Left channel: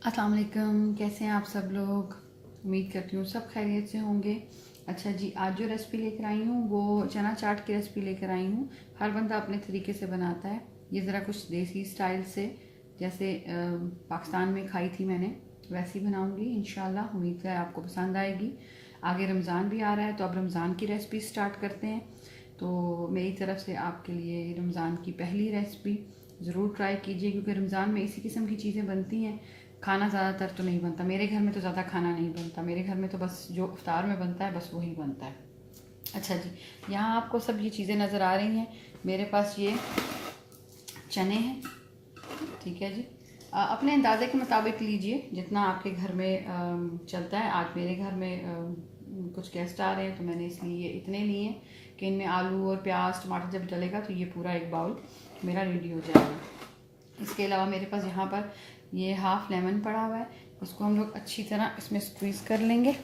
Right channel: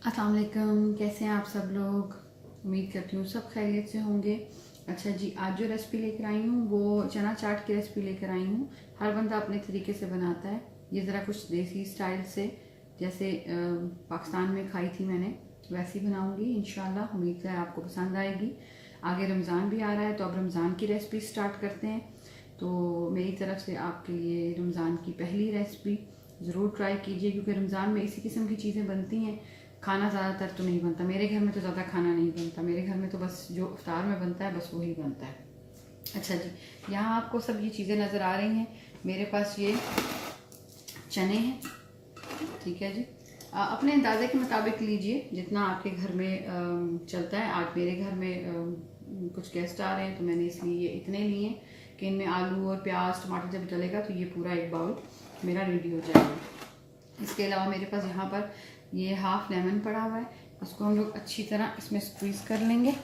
अस्सलाम वालेकुम, कैसे हैं आप सब लोग। उम्मीद करती हूँ सब खैरियत से होंगे। अच्छा जी, आज जो रेसिपी लेकर आई हूँ वो चना चाट की रेसिपी लेकर आई हूँ। हर बंदा अपने तरीके से बनाता है, ये ज़रा कुछ देसी स्टाइल से, जैसे पाकिस्तान में खाई थी मैंने, वैसी बनाऊँगी इंशाल्लाह। उम्मीद है आपको पसंद आएगी। आगे रमज़ान भी आ रहा है तो अब रमज़ान की रेसिपी स्टार्ट करते हैं। तो मेरी तरफ से आपके लिए रमज़ान की पहली रेसिपी ज़रूर ट्राई कीजिए, क्योंकि रमज़ान में इसी किस्म की चीज़ें बनती हैं। खाना ज़्यादातर तो नहीं बनता, मेरे घर में तो ज़्यादा खाना नहीं बनता। मेरे घर में तो बस जो इफ्तार में बनता है बस वही बनता है। अच्छा जी, यहाँ आपको सब ये चीज़ें नज़र आ रही हैं। मेरे पास ये चने हैं, ठीक है जी। अपने अंदाजे के मुताबिक लीजिए जितना आपके घर में चलता है। आज मेरे घर में कुछ गेस्ट आ रहे हैं तो मैंने इसलिए ये इतने लिए हैं कि इनमें आलू और प्याज टमाटर जब डलेगा तो ये पूरा एक बाउल मेरा रेडी हो जाएगा। इसके अलावा मेरे पास यहाँ पर ये हाफ लेमन पड़ा हुआ है, इसको हम लोग अच्छी तरह इसमें स्क्वीज़ कर लेंगे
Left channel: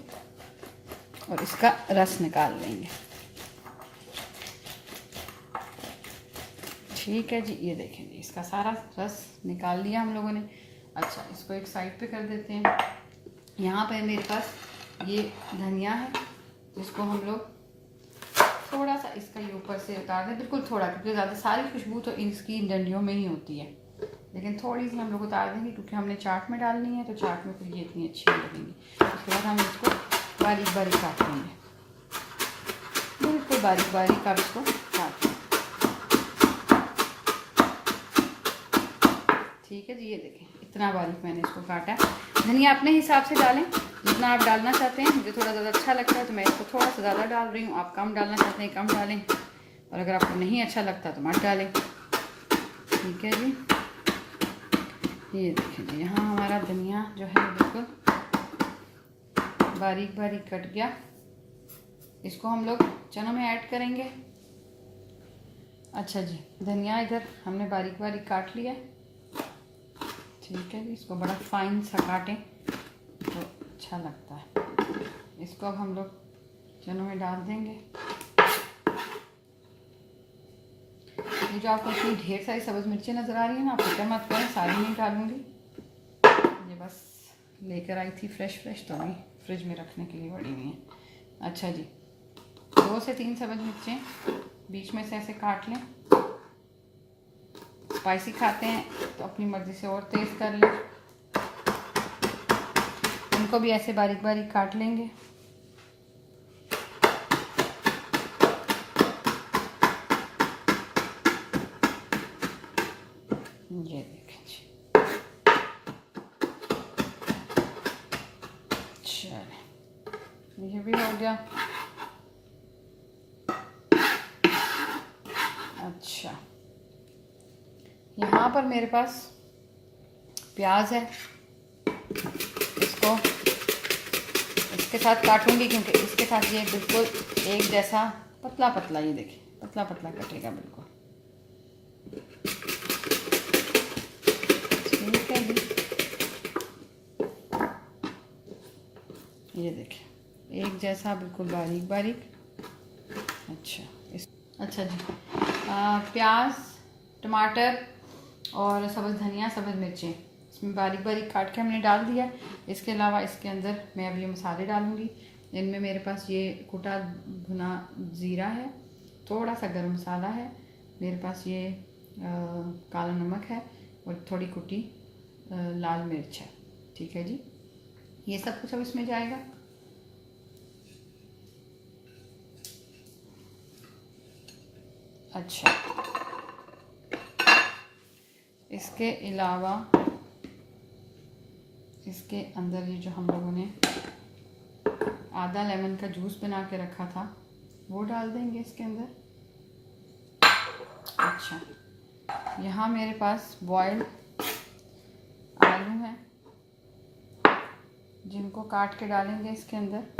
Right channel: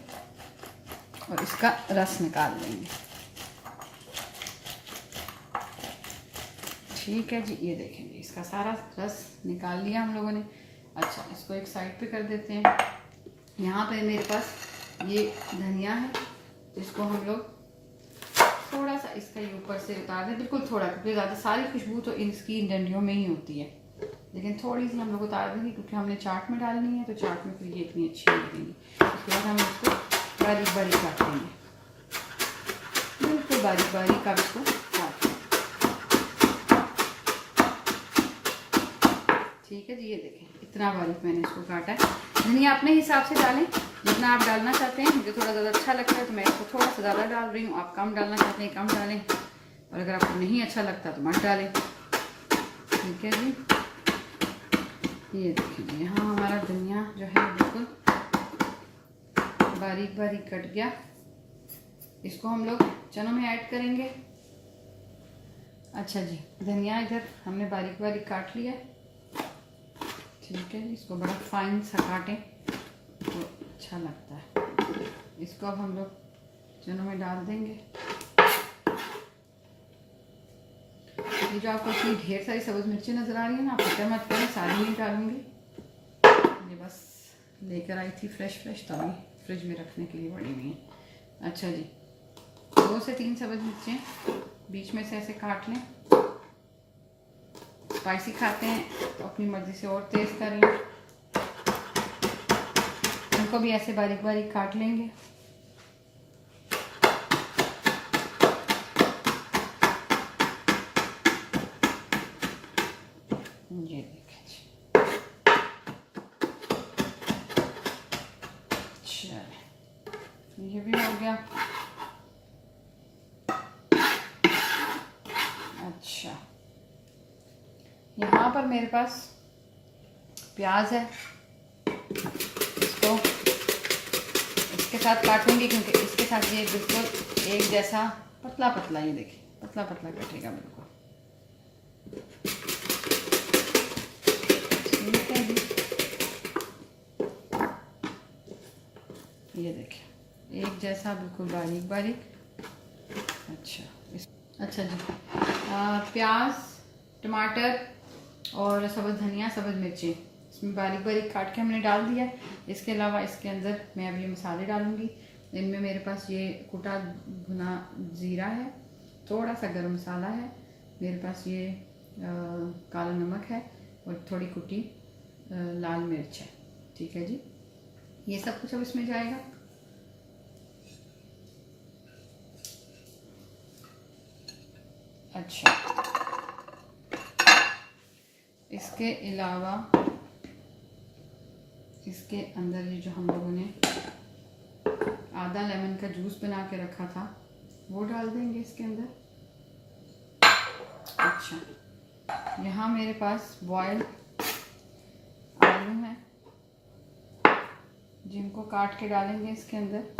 और इसका रस निकाल लेंगे। ठीक है जी, ये देखें जी, इसका सारा रस निकाल लिया हम लोगों ने। अच्छा, इसको एक साइड पे कर देते हैं। यहाँ पे मेरे पास ये धनिया है, जिसको हम लोग थोड़ा सा इसका ये ऊपर से उतार दें, बिल्कुल थोड़ा, क्योंकि ज़्यादा सारी खुशबू तो इसकी डंडियों में ही होती है, लेकिन थोड़ी सी हम लोग उतार देंगे क्योंकि हमने चाट में डालनी है, तो चाट में फिर ये इतनी अच्छी नहीं लगेंगी। उसके बाद हम इसको बारीक बारीक काट देंगे, बिल्कुल बारीक बारीक आप इसको काट। ठीक है जी, ये देखें इतना बारीक मैंने इसको काटा है। धनिया अपने हिसाब से डालें, जितना आप डालना चाहते हैं। मुझे थोड़ा ज़्यादा अच्छा लगता है तो मैं इसको थोड़ा सा ज़्यादा डाल रही हूँ। आप कम डालना चाहते हैं कम डालें, और अगर आपको नहीं अच्छा लगता तो मत डालें। ठीक है जी, ये देखिए जी, यहाँ हमारा धनिया जो है बिल्कुल बारीक बारीक कट गया। इसको हम लोग चनों में ऐड करेंगे। अच्छा जी, धनिया इधर हमने बारीक बारीक काट लिया। ठीक है जी, इसको बड़ा फाइन सा काटें तो अच्छा लगता है। इसको अब हम लोग चनों में डाल देंगे। ये जो आपको इतनी ढेर सारी सब्ज़ मिर्चें नज़र आ रही है ना, आप फिक्र मत करें, सारी नहीं डालूंगी। ये बस लेकर आई थी फ्रेश तो अभी फ्रिज में रखने के लिए पड़ी हुई हैं। अच्छा जी, 2 से 3 सब्ज़ मिर्चें बीच में से ऐसे काट लें। स्पाइसी खाते हैं तो अपनी मर्ज़ी से और तेज़ कर लें। इनको भी ऐसे बारीक बारीक काट लेंगे। ये देखें, ये भी हो गया। अच्छा, यहाँ पर मेरे पास प्याज है, इसको इसके साथ काटूंगी क्योंकि इसके साथ ये बिल्कुल एक जैसा पतला पतला, ये देखें पतला पतला कटेगा बिल्कुल। ठीक है जी, ये देखें एक जैसा बिल्कुल बारीक बारीक। अच्छा जी, प्याज टमाटर और सब्ज़ धनिया सब्ज़ मिर्चें इसमें बारीक बारीक काट के हमने डाल दिया। इसके अलावा इसके अंदर मैं अब ये मसाले डालूंगी। इनमें मेरे पास ये कुटा भुना ज़ीरा है, थोड़ा सा गरम मसाला है, मेरे पास ये काला नमक है और थोड़ी कुटी लाल मिर्च है। ठीक है जी, ये सब कुछ अब इसमें जाएगा। अच्छा, इसके अलावा इसके अंदर ये जो हम लोगों ने आधा लेमन का जूस बना के रखा था वो डाल देंगे इसके अंदर। अच्छा, यहाँ मेरे पास बॉयल आलू हैं, जिनको काट के डालेंगे इसके अंदर।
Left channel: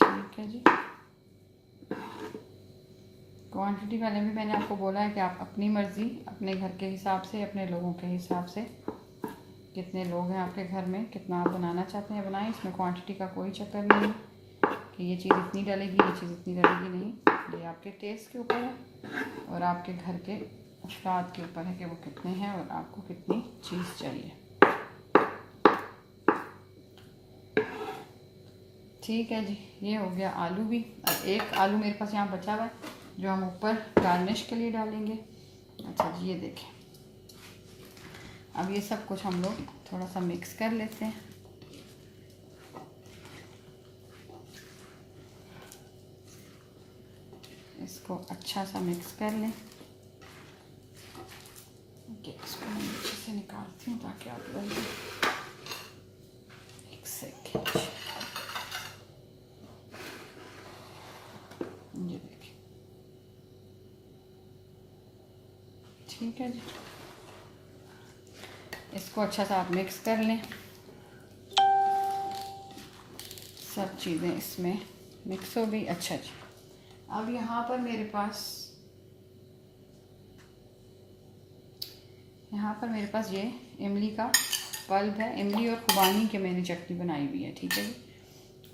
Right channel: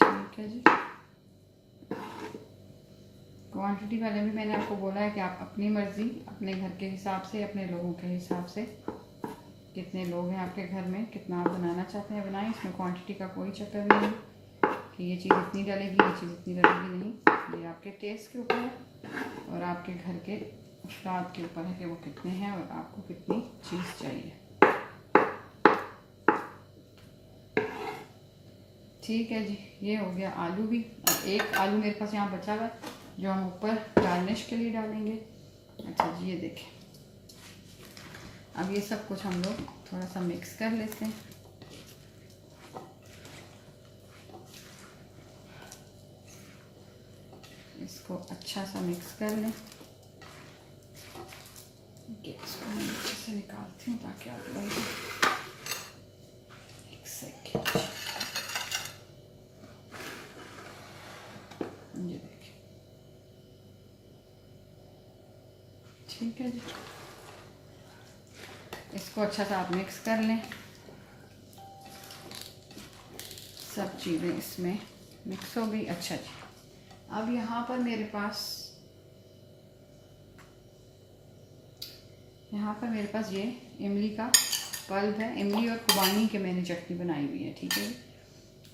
ठीक है जी, को क्वांटिटी वाले भी मैंने आपको बोला है कि आप अपनी मर्ज़ी, अपने घर के हिसाब से, अपने लोगों के हिसाब से, कितने लोग हैं आपके घर में, कितना आप बनाना चाहते हैं बनाएं। इसमें क्वांटिटी का कोई चक्कर नहीं है कि ये चीज़ इतनी डलेगी, ये चीज़ इतनी डलेगी, नहीं। ये आपके टेस्ट के ऊपर है और आपके घर के अफराद के ऊपर है कि वो कितने हैं और आपको कितनी चीज़ चाहिए। ठीक है जी, ये हो गया आलू भी। अब एक आलू मेरे पास यहाँ बचा हुआ है जो हम ऊपर गार्निश के लिए डालेंगे। अच्छा जी, ये देखें। अब ये सब कुछ हम लोग थोड़ा सा मिक्स कर लेते हैं। इसको अच्छा सा मिक्स कर लें। इसको मैं नीचे से निकालती हूँ ताकि आप लोग एक सेकेंड, ये देखिए। ठीक है जी, इसको अच्छा सा आप मिक्स कर लें। सब चीज़ें इसमें मिक्स हो गई। अच्छा जी, अब यहाँ पर मेरे पास ये इमली का पल्प है। इमली और खुबानी के मैंने चटनी बनाई हुई है। ठीक है जी,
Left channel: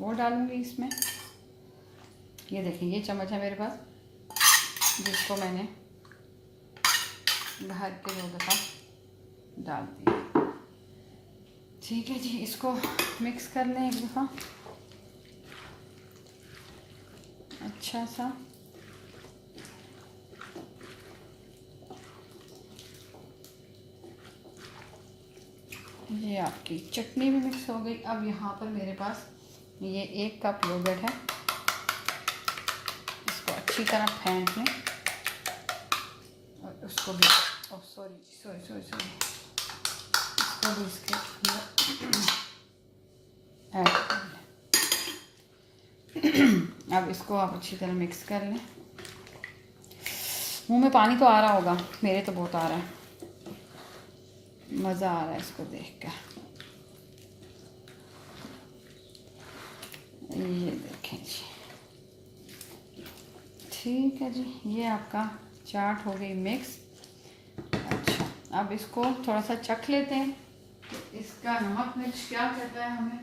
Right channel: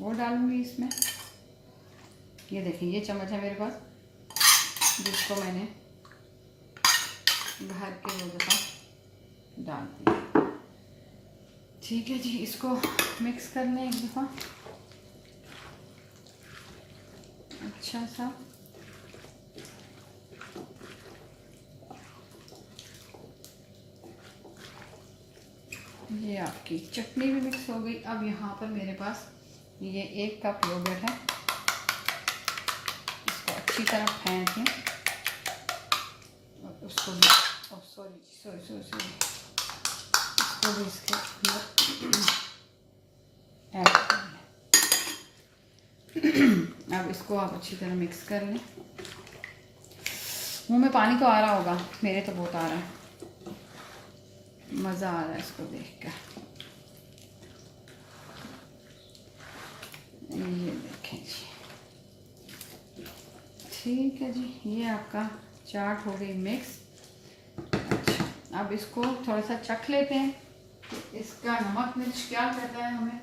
वो डालूंगी इसमें। ये देखिए, ये चम्मच है मेरे पास जिसको मैंने भर के वो दफ़ा डाल दिया। ठीक है जी, इसको मिक्स कर लें एक दफ़ा अच्छा सा। ये आपकी चटनी भी मिक्स हो गई। अब यहाँ पर मेरे पास ये 1 कप योगर्ट है। इसको अच्छी तरह फेंट लें और उसको भी सॉरी इसको भी इसके ऐड कर लें। अब इसको आप अच्छी तरह मिक्स कर लें। मुंह में पानी तो आ रहा होगा, मेरे तो बहुत आ रहा है। मज़ा आ रहा है इसको देखकर। ये देखें जी। ठीक है जी, ये आपका चाट हो गई मिक्स। अच्छा, अब इसको थोड़ा सा चख लेते हैं कि इसका नमक मिर्च क्या कहता है हमें।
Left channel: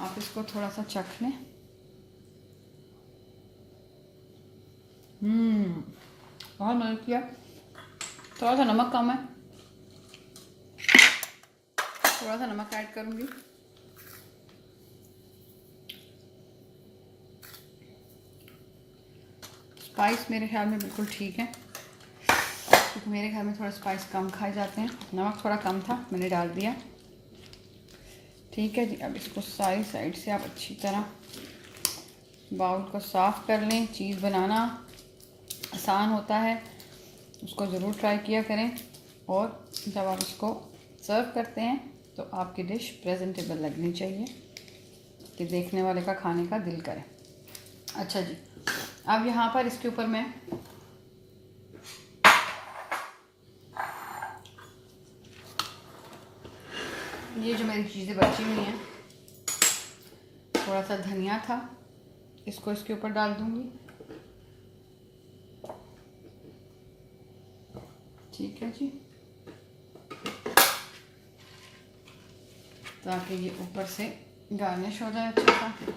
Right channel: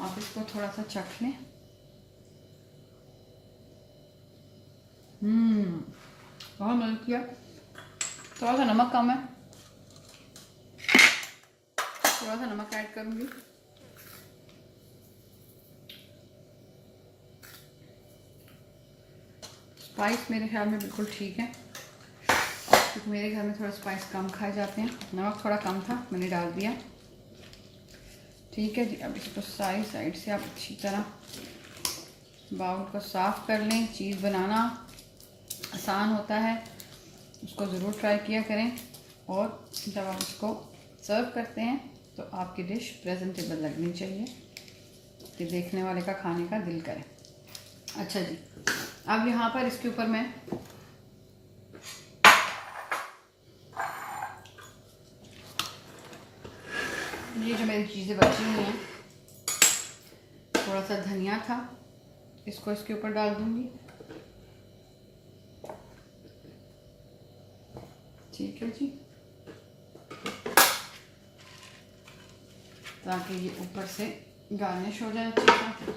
आप इसको थोड़ा सा चख लें। बहुत मदद किया। थोड़ा सा नमक कम है, थोड़ा सा नमक ऐड करूंगी। स्पाइस मेरे ख्याल में बिल्कुल ठीक है, क्योंकि मेरे घर में थोड़ा स्पाइस कम खाए जाते हैं। नमक थोड़ा कम था, मैंने डाल दिया। ठीक है जी, अब इसको सारी साइड से आप अच्छी तरह बाउल को साफ़ कर लें। चीज़ बनाना आसान होता है, उसको ज़रूर ट्राई किया करें। और जब आप इसको सर्व करते हैं तो आपकी डिश प्रेजेंटेबल लगनी चाहिए कि देखने वाले का खाने का दिल करे। अच्छा जी, अब यहाँ पर इसके ऊपर मैं ये जो मेरी चीज़ें बची हुई हैं, थोड़ा सा धनिया था, इसको इसके ऊपर डाल दूंगी। ठीक है जी, ताकि ये ऊपर से गार्निश हो जाए अच्छा सा।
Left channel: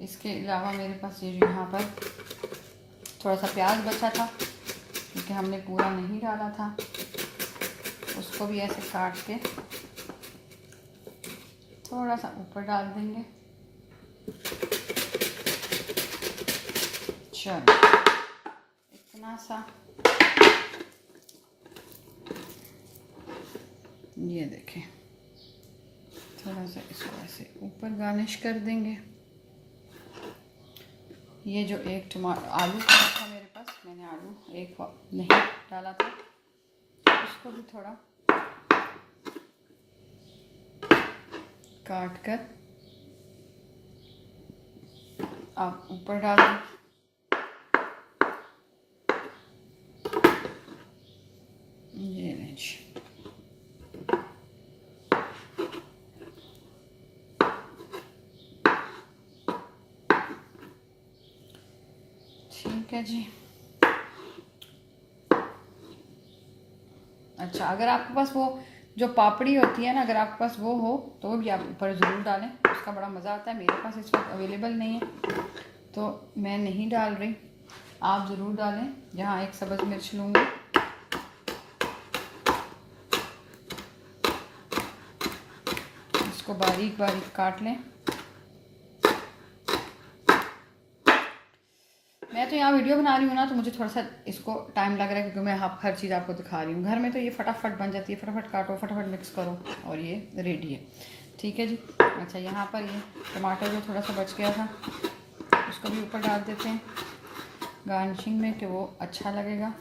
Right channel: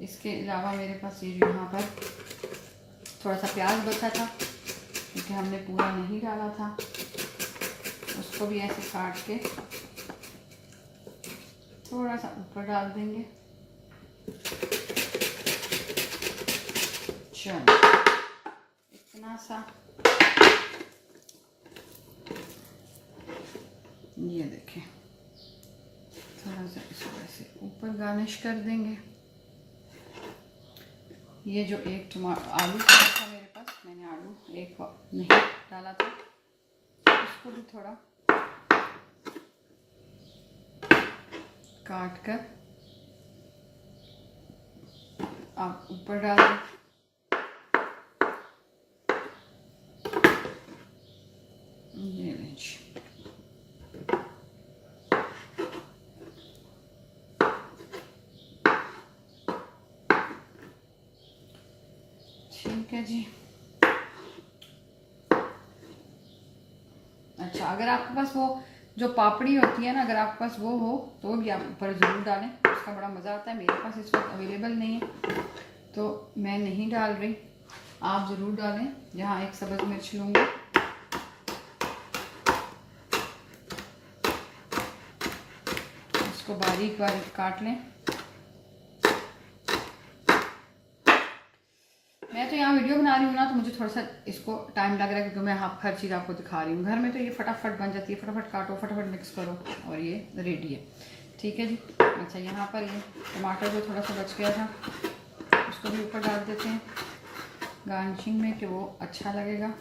इसके अलावा मेरे पास ये जो यहाँ पर थोड़ा सा प्याज बचा था, क्योंकि हमने पूरा नहीं डाला था, उसको भी ऐसे काट के थोड़ा सा ऊपर डाल देंगे। चलो, इतना सा। ये देखें, थोड़ा सा इसको ऐसे ऊपर गार्निश कर देंगे। ये जो एक आलू था मेरे पास, मैंने आलू एक नहीं डाला था, इसको भी थोड़ा काट कर आप ऊपर डाल दें। ये लीजिए, ठीक है जी। अच्छा, अगर आपके पास वो जो पापड़ी होती है ना, अगर आपके पास वो हो तो वो भी आप ऊपर ज़रूर डालें, उसका बड़ा मज़ा आता है। मेरे पास इस वक्त अवेलेबल नहीं है तो मैं नहीं डाल रही, आप ज़रूर डालें। यहाँ एक सब्ज़ मिर्च लूँगी, इसको बारीक बारीक काट लें। मैं तो यहाँ वीडियो बना रही हूँ ना, तो मुझे थोड़ा सा इसको टाइम लग रहा है, क्योंकि मैं हर चीज़ आपको दिखा रही हूँ। घर में तो ये फटाफट बन जाती है, फटाफट काटो, फटाफट मिक्स करो और ये रेडी है। ठीक है जी। अच्छा, यहाँ पर ये टमाटर जो थोड़ा सा बच गया था उसको भी ऊपर डाल देते हैं गार्निशिंग में, कि वो अच्छा लगेगा।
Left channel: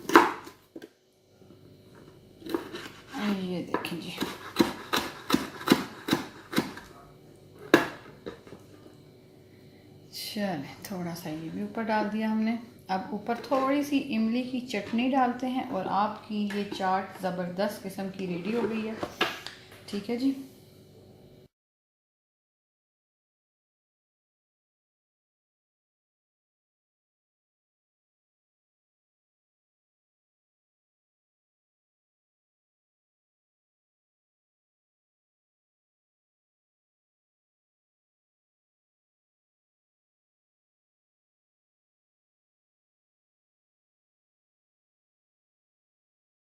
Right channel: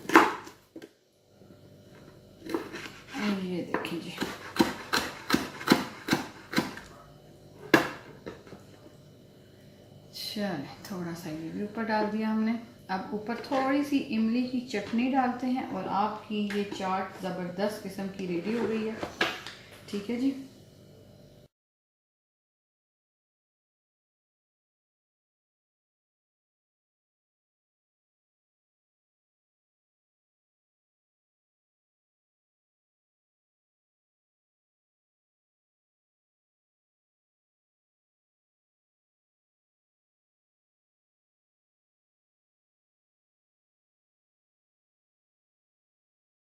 ये देखें जी, चल थोड़ा सा ये भी ऊपर डाल दिया हमने। अब ऊपर थोड़ी सी इमली की चटनी डालते हैं और आपकी ये चाट ज़बरदस्त किस्म की रेडी हो गई है। ठीक है जी।